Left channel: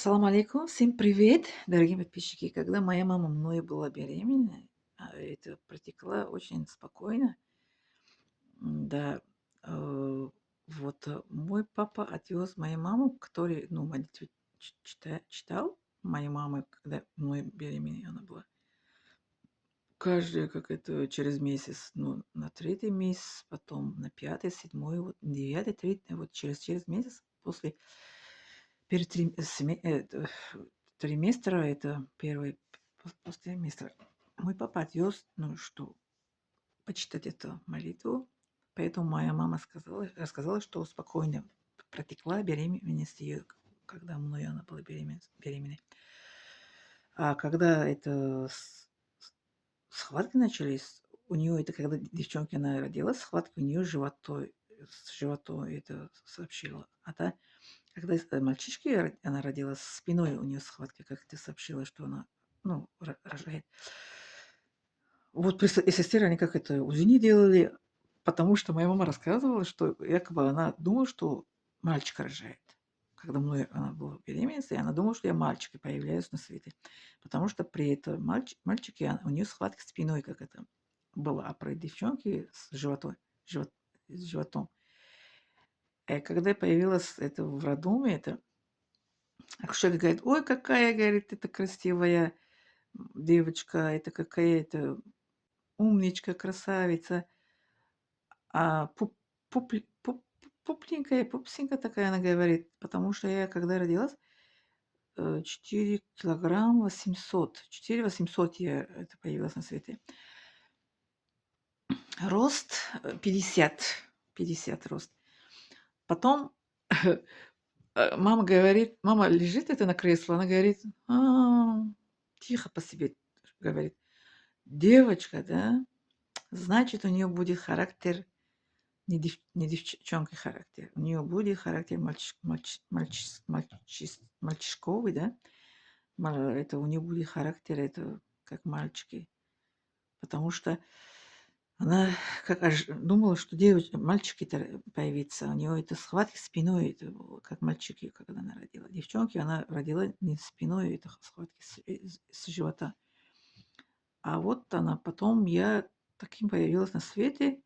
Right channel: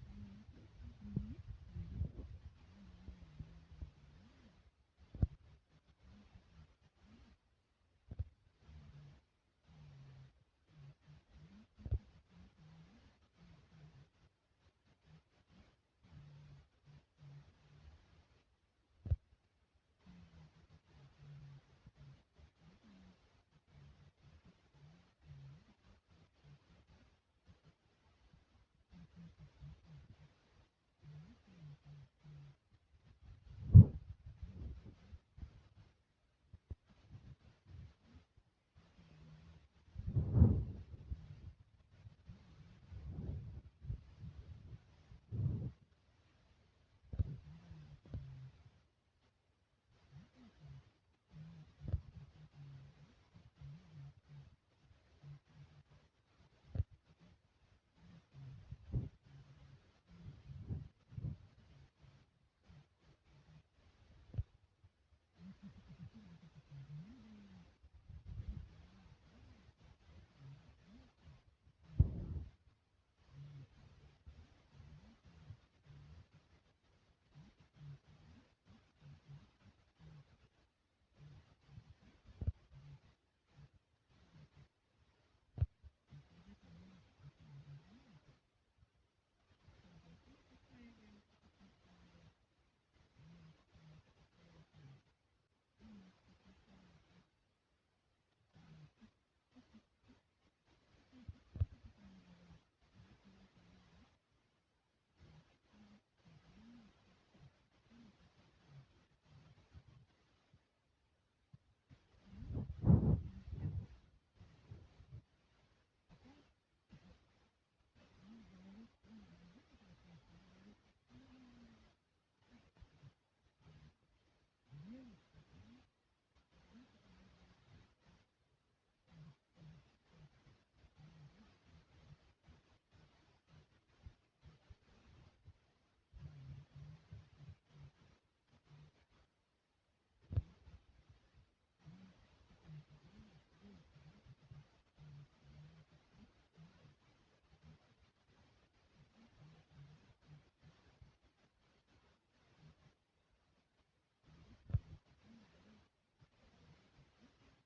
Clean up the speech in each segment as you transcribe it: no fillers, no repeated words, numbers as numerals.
Ассаламу алейкум, всем привет, дорогие подписчики. Когда моя мама мной была беременна, это протекла очень спокойно. Да, мой папа отвез мою маму, который, ну, молитву читал моей мамы, когда мной беременна она была. Каждый, как это, через месяц, ну, на третий месяц, потом на пятый, седьмой, вот, девятый, третий, вот через месяц после перед триместра, это первый после триместра, мой папа отвез, ну, что почитать эту молитву. Поэтому моя мама рассказала, что спокойно протекла беременность ее, когда мной она была беременной. А когда это схватки начались, у нее это, когда девчонка она родилась, схватки у нее с животом это сообщила. Когда мальчишки она родилась, спиной у нее схватки, как ты сообщила, что она, ну, рожает. Вот при сестре они как это УЗИ не делали, потому что моя мама рассказывала, что якобы она думала, что мальчик рожает. Когда мной она была беременной, она думала, что я мальчик и появляюсь на свете. Потому что при этом мальчике у нее схватка спиной, как это было, а при девчонке живот, с животом. Когда появилась это в роддоме, это акушерка говорит, ой, какая, говорит, это красивая девочка, это какая-то умничка, красавица. А пупленькая, пупсенькая такая, она говорит, потому что я, когда родилась, 4 килограмм 800, 4 800 я это появилась на свете. Рост 50 рост. Потом мама говорит, мама лежит это на кресле, она говорит, тихо по себе говорит, девочка, да, значит, у нее будет характер не девчонка характер. У нее будет характер мальчишковый, да? Это у нее будет характер, это как мальчики. Потому что она думала, что мальчики-то появится. У нее это схватки спиной, это было как мальчики, когда она родила. Девчонки она родила не спиной, это схватки с живота. А вот она потом, я таким появилась на свете.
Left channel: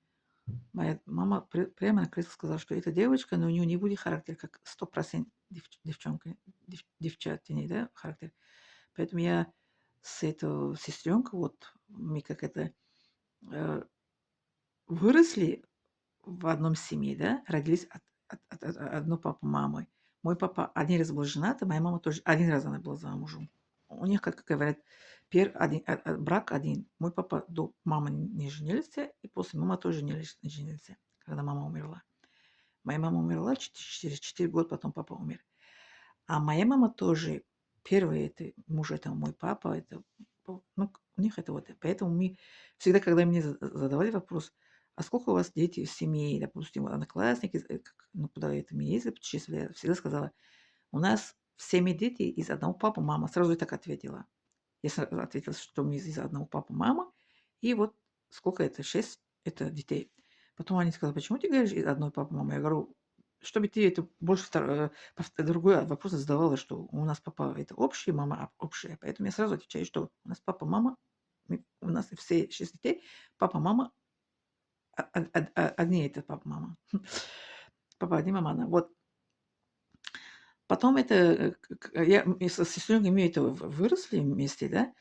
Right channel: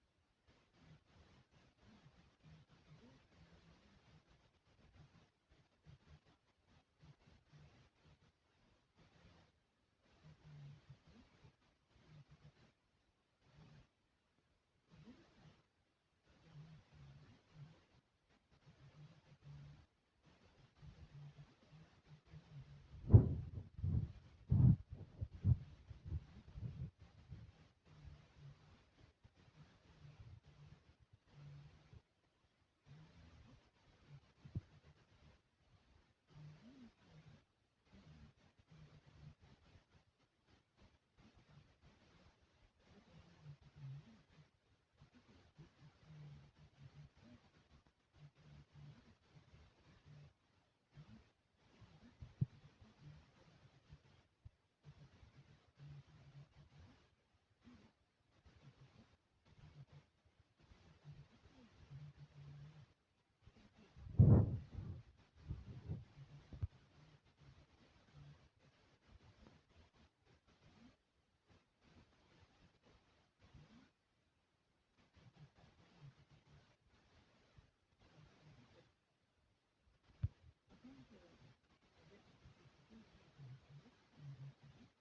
Моя мама прямо на кресле сказала, что эта девочка, но у нее не будет характер, как 100% девчонка, девчатиной, да, характер. Поэтому я с этой сестренкой, вот мы как это э, выросли в одном семье, да, родились от одной папы мамы. Мой папа один раз был женат, а моя мама тоже один раз она была замужем. У них, как говорят, брак один. Мой папа до мамы не женился, и после мамы тоже не женился, когда мама умерла. Моя мама умерла через 4 года, потом папа умер. А моя мама тоже, первый это муж, это мой папа, это, ну, у них это вот. Поэтому мы всегда, когда мне задавали вопрос, а сколько у вас дети в семье, допустим, одноклассники, ну, куда это мы ездили, путешествовали, я всегда сказала, у нас в семье дети из одного папы, мама. Сразу и так ответила. Я сразу ответила, что мы из одного папы, мама. И вот сколько это? 6 это детей. Потом они сказали, почему ты говоришь из одной папы, мама? Я говорю, чтобы ты это больше другой вопрос задавала, что у нас папа это общий, мама общая. Поэтому я сразу отвечаю, что у нас папа, мама, у нас все 6 детей, папа, мама, одни это папа, мама. Папа один, мама одна. Вот. Потом это, и со сестренкой мы это выросли вместе, да,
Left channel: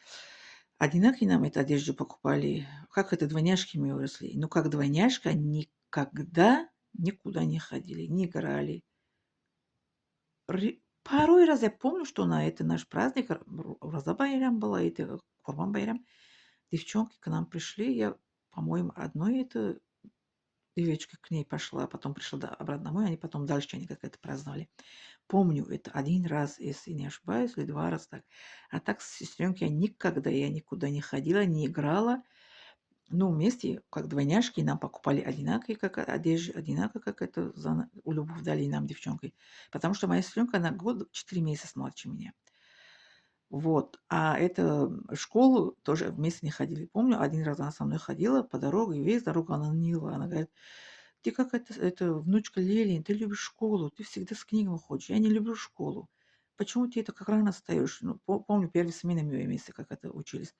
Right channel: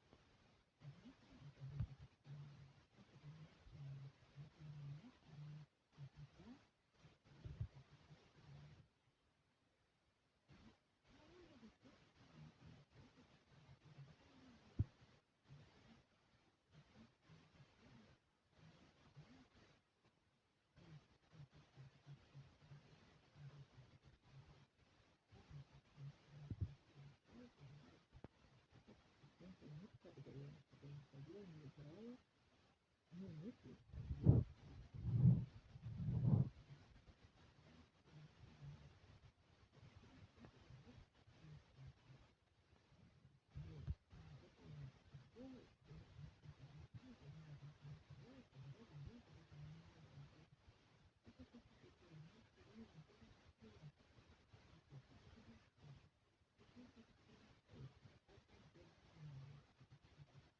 одинаково нам это одежду покупали. Как это двойняшки мы выросли. Но как двойняшка никогда никуда не ходили, не играли. Порой раз я помню, что на это наш праздник, Роза Байрам была, это Курбан Байрам, девчонки к нам пришли, я, по-моему, одной это девочка к ней пошла, потом пришла обратно домой, они потом дальше они как это праздновали. Помню это один раз, если не ошибаюсь, или два раза так. А так с сестренкой я никуда не ходила, не играла. Ну, вместе, как двойняшки, нам покупали одинаковые, как одежды, одинаково, как это у любовь дали нам, девчонкой. Потому что моя сестренка, она год, 4 месяца младше меня. Вот. А это в школу тоже вместе не ходили. Помню, один раз она со мной ходила по дороге, и весь дорогу она нила. Она говорит, ты как это внучка Лели, ты любишь школу, ты всегда с книгами ходишь. Я не люблю школу. почему ты это как рано встаешь? Ну, помню, первые смены мы вместе как это учились.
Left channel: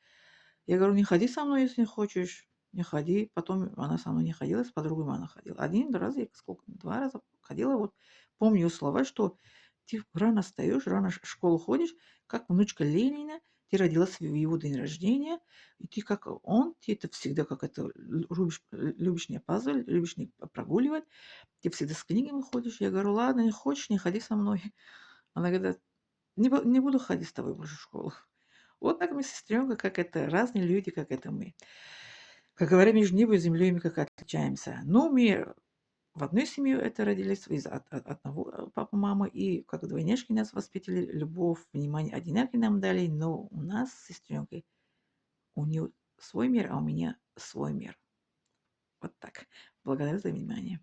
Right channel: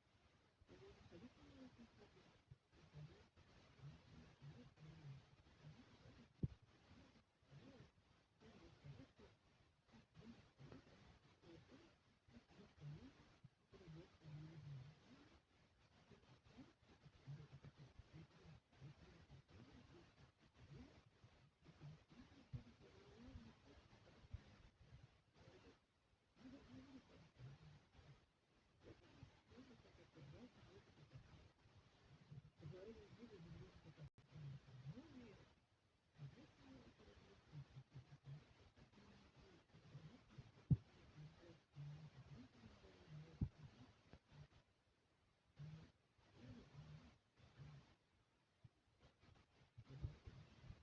Я говорю, не ходи со мной, если не хочешь. Не ходи. Потом она со мной не ходила, с подругой она ходила. Один раз, я сколько, 2 раза ходила. Вот помню слова, что ты рано встаешь, рано в школу ходишь, как внучка Ленина, ты родилась в его день рождения, и ты как он, ты это всегда как это любишь не опаздывать, любишь не прогуливать, ты всегда с книгами ходишь. Я говорю, ладно, не хочешь, не ходи со мной. Она говорит, не буду ходить с тобой больше в школу. Вот так мы с сестренкой, как это, разные люди, как это мы. Как говорят, между небом и землей мы как отличаемся. Но мы в одной семье это родились, из одного папы, мамы, и как двойняшки нас воспитали, любовь, внимание одинаково нам дали, но у нас с сестренкой, у нее свой мир, а у меня свой мир. Вот так. Благодарю за внимание.